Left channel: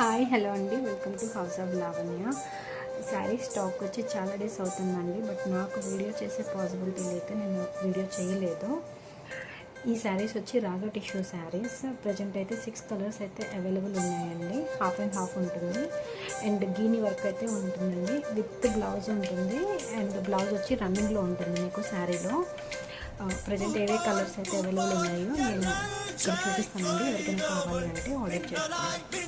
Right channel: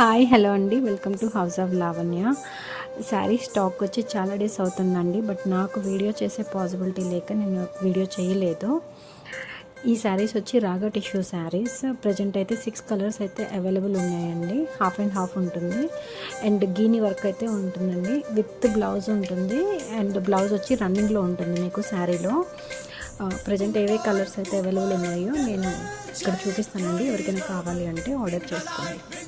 Hi hello అండి, welcome to house of Lavanya. Sari stock వచ్చి చాలా డేస్ అవుతుందండి, బట్ నాకు వీడియో చేసే పాసిబిలిటీ లేక నేను వీడియో చేయలేదు. ఈ శారీస్ వచ్చి రాగా టిష్యూ శారీస్. ప్రజెంట్ అయితే 6 కలర్స్ అయితే అవైలబుల్ ఉన్నాయండి. హాఫ్ అండ్ హాఫ్ ఉంటుంది అండ్ గీని వర్క్ అయితే ఉంటుందండి. విత్ బ్లౌజ్ ఉంటుంది అండ్ బ్లౌజ్ వచ్చి రన్నింగ్లో ఉంటుంది మీకు శారీలో. ప్రజెంట్ ఏవే కలర్స్ అయితే అవైలబుల్ ఉన్నాయో నేను ఇక్కడ చూపిస్తానండి. ఎవరికైనా కావాలి అంటే ఆర్డర్ చేసుకోండి.